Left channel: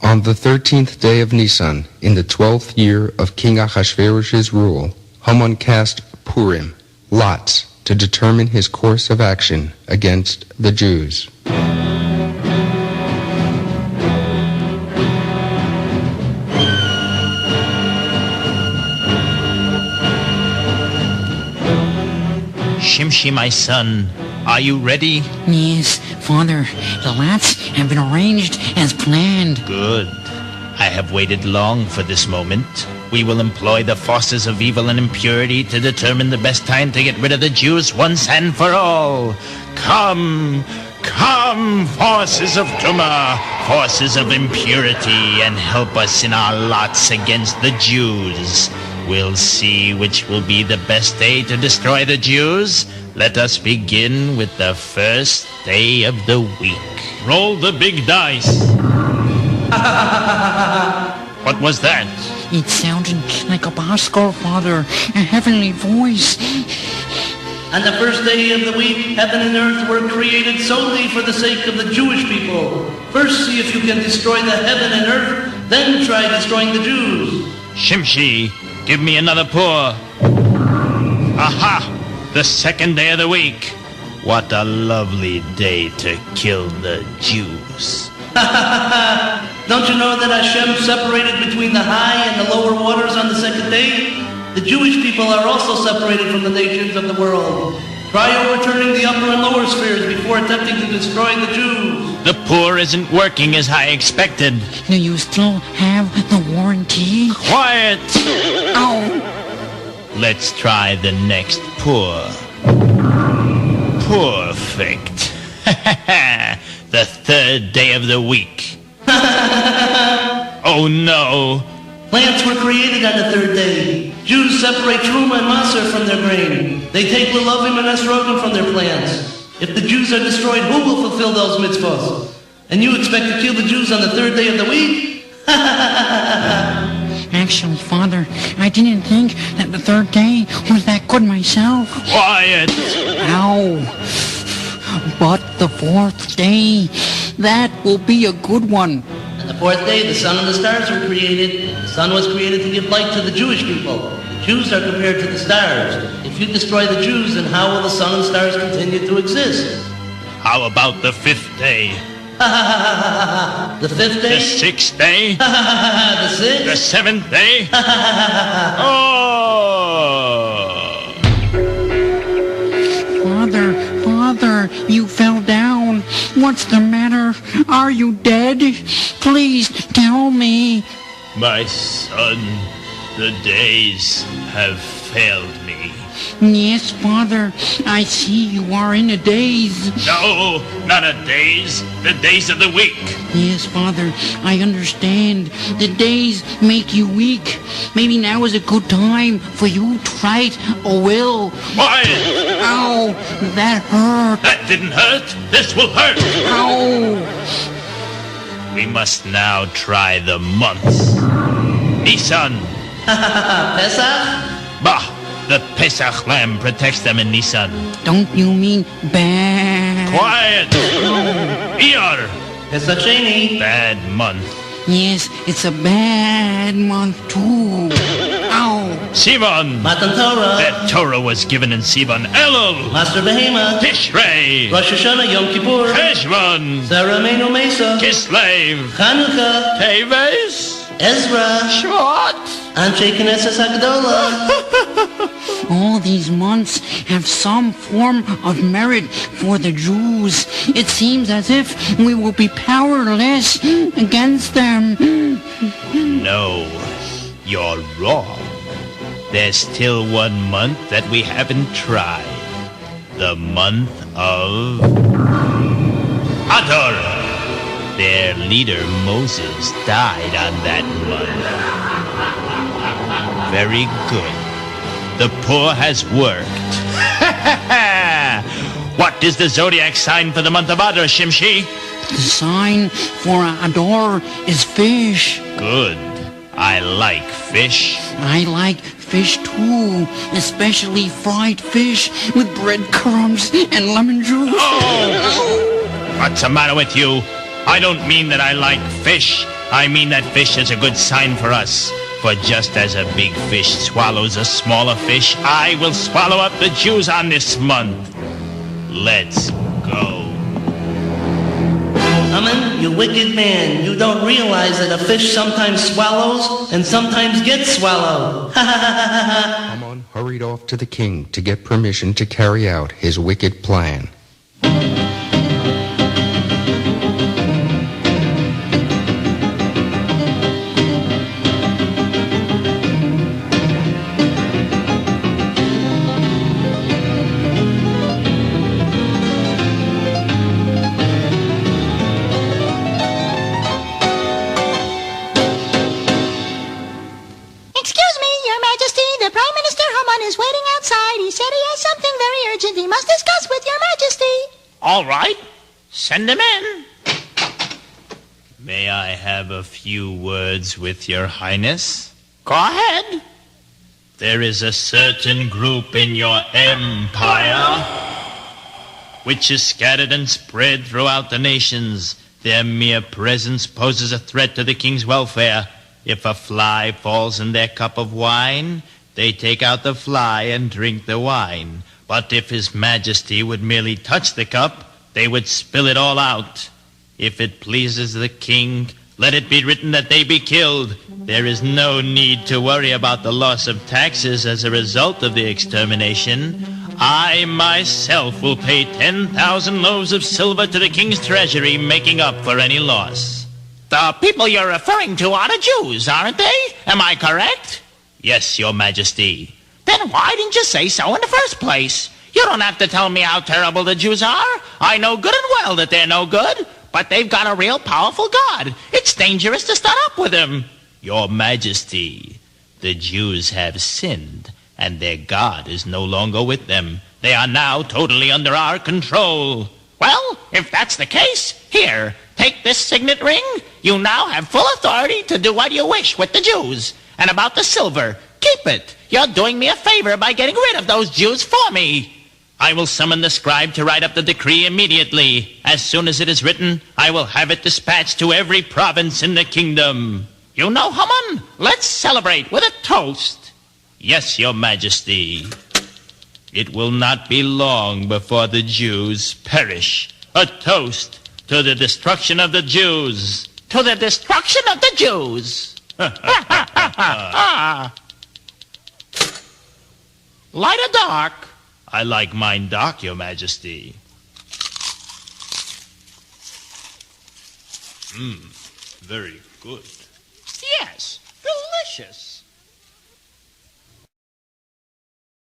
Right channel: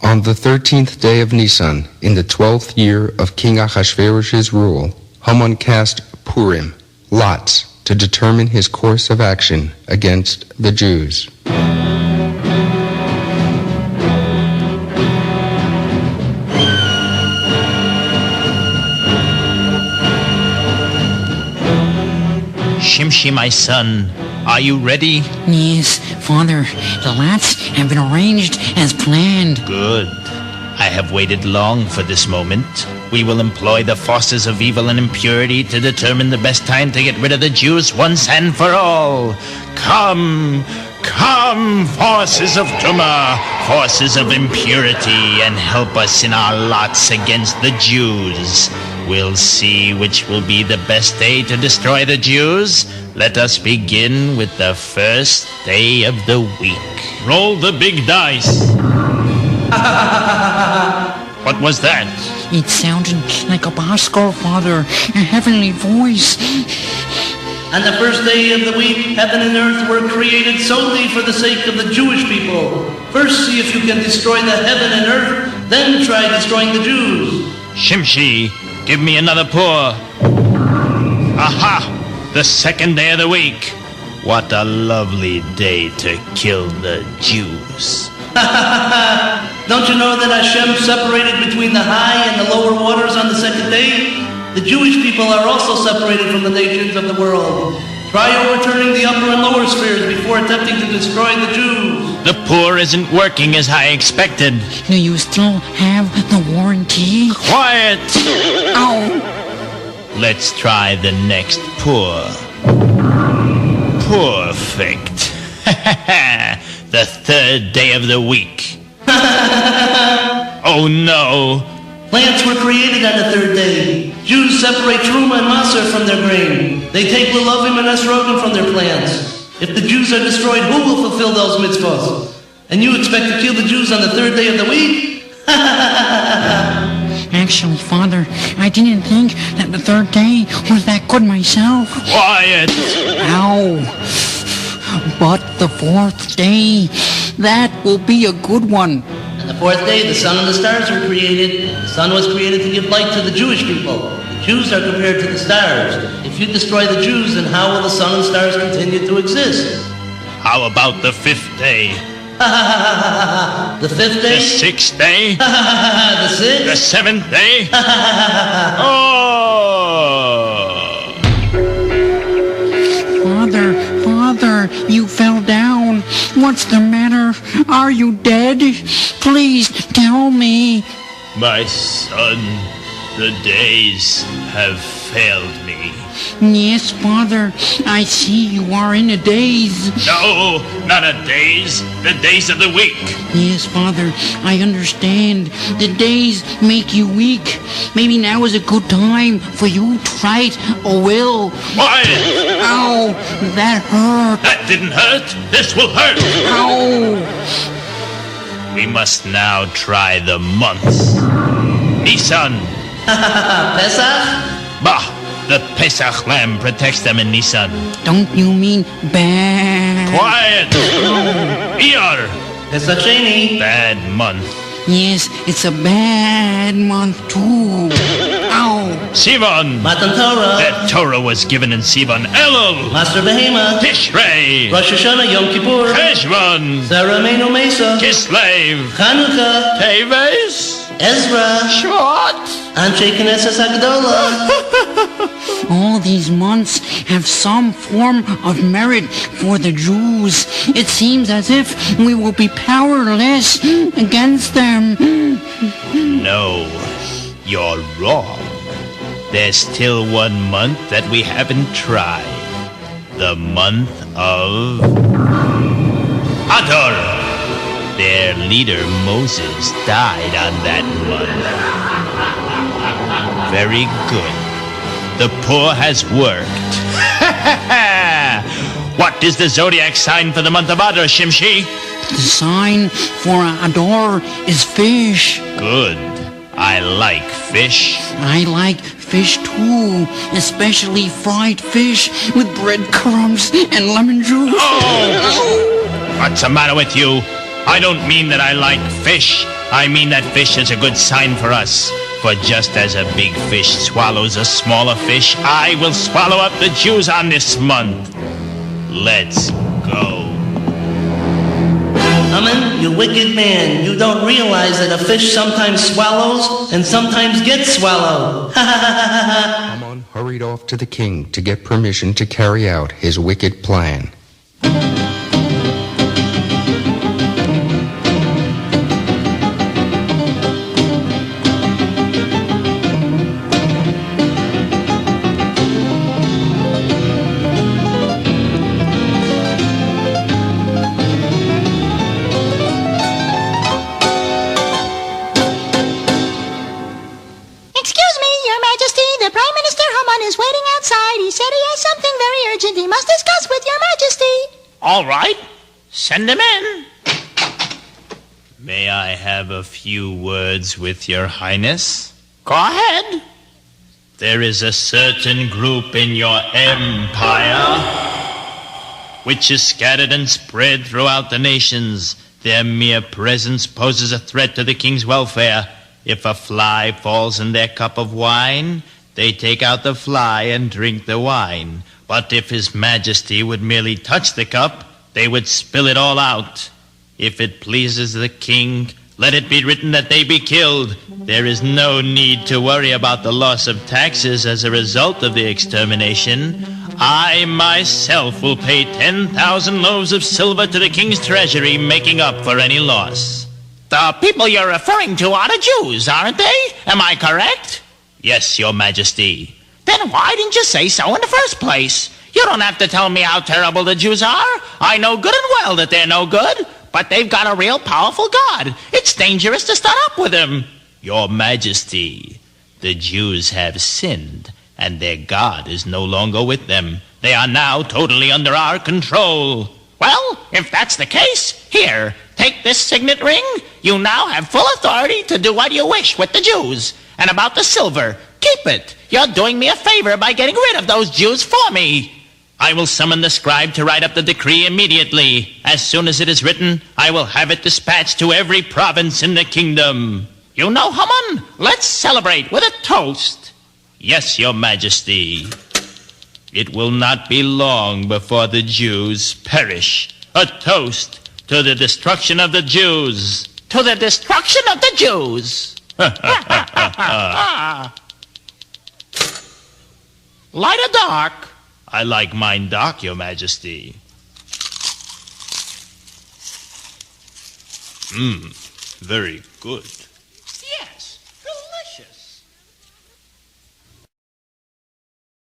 On the 13th day of Nisan, in the 12th year of King Ahasuerus's rule, Haman cast Purim, lots, to determine his course of action against the Jews. Shimshi, my son, are you ready? Yes, Father. The lots have been arranged as planned. Good. I have waited long for this moment. We will employ the forces of evil and impurity to determine the best time to get rid of the Jews once and for all. Come, come, forces of Tumah, forces of impurity, and help us in our lots against the Jews. We'll see which will be the best day to destroy the Jews. Let us begin with the first day of the week. Roll the big dice. What was that? It sounded like a Bosco, Father, a heavenly voice. On the first day of the week, heaven and earth were created solely for the sake of the Jewish people. First see if you can destroy the heaven and earth, then try destroying the Jews. Shimshi, give me another pour. Aha! The second day of the week. What a lovely day to kill the Jews. Don't you know that Hashem separated between the high and the lower waters on the second day? The Jewish people are also separated from the nations of the world. Try overturning the upper and lower spheres before attempting to destroy the Jews. The pour isn't working as I expected. Do you still have the warranty? Quiet! Ow! Let's try the next pour. Perfect. The third day of the week. Oh no! Plants were created on the third day. Jews separate truma and maser from their grain. They take lulavim and esrogim from their plants. If the Jews are destroyed, who will fulfill those mitzvot? And you expect to kill the Jews on the third day of the week? Actually, Father, I didn't think that the third day was that good myself. Quiet! Ow! But the fourth day, that will be a good one. On the fourth day, the sun and the stars were created. The sun was created to give light to the Jewish people. The Jews are compared to the stars. If you destroy the Jews, then how will the sun and stars continue to exist? How about the fifth day? The fifth day? The sixth day? The sixth? The seventh day? Oh! Father, you fell down. What's the matter? Are you dead? Please tell me. My son, the days have failed me. Yes, Father, I see you are in a daze. No, not a daze. The days of the week. Yes, Father, I understand. The days make you weak. Maybe now is a good time for you to fight a will. Quiet! Ow, that hurt. That didn't hurt. This will hurt. Ow. We must now try the months. Nisan. Pesach? Bah! The Pesach lamb protects them in Nisan. Don't you mean bad? Quiet! Iyar! Pesach Sheni. Bad month. Yes, it's a bad month too. Ow! Sivan! Matan Torah. That Torah was given in Sivan. Elul! Master Behema. Tishrei! Rosh Hashanah, Yom Kippur. Cheshvan! Sarah Meinu Mesa. Kislev! Chanukah. Teves! Ezra. Shvat! Anshe Knesset Hagdolah. All these months have some form of merit for the Jews. It seems as if we will be powerless against them. No, you're wrong. There's still 1 month that we haven't tried. The month of Adar. Their leader Moses died on that month. Very good. The pour has worked. What is the zodiac sign for the month of Adar, Shimshi? The sign for Adar is fish. Good. I like fish. I like fish too, especially fried fish with breadcrumbs and lemon juice. Oh! What's the matter with you? I don't mean that I like fish. I mean that fish is a good sign for us. For just as a big fish swallows a smaller fish, I will swallow up the Jews on this month. Let's go. Haman, you wicked man, you don't realize that a fish sometimes swallows and sometimes gets swallowed. Haman hurried off to the king to get permission to carry out his wicked plan. Excuse me, Your Majesty. The Prime Minister Haman is waiting outside. He said he has something very urgent he must discuss with Your Majesty. All right, send him in. May I have a few words with Your Highness? Go ahead. There is a certain group in your empire which is scattered and spread throughout the nations. Their mere presence poses a threat to the king's welfare. If a fly falls in their cup of wine, they take out the fly and drink the wine. But if His Majesty would merely touch the cup, they would spill it all out. If it pleases the king, let it be written that they be killed. There is no need to worry about the loss of taxes as a result of the extermination. I myself will pay 10,000 loaves of silver to the king's treasury, making up for any loss. The people you're referring to are the Jews, aren't they? Am I correct? Yes, Your Majesty. Then why didn't you say so in the first place? You don't have to tell me how terrible the Jews are. I know good and well that they're no good, but they've got a real powerful God. It's dangerous to start up with them. Your Majesty, the Jews have sinned, and their God is no longer with them. They are now totally under our control. Well, if that's the case, here, take this signet ring. You now have full authority to do what you wish with the Jews. And about the silver, keep it. You're doing me a favor by getting rid of those Jews for me. I will summon the scribe to write up the decree immediately. As soon as it is written, I will have it dispatched to every province in the kingdom. You know, Haman, let's celebrate with a toast. Yes, Your Majesty. It will not be long before the Jews perish. A toast to the destruction of the Jews. To the destruction of the Jews. Light or dark? I like mine dark, Your Majesty. Very good. Yes, delicious.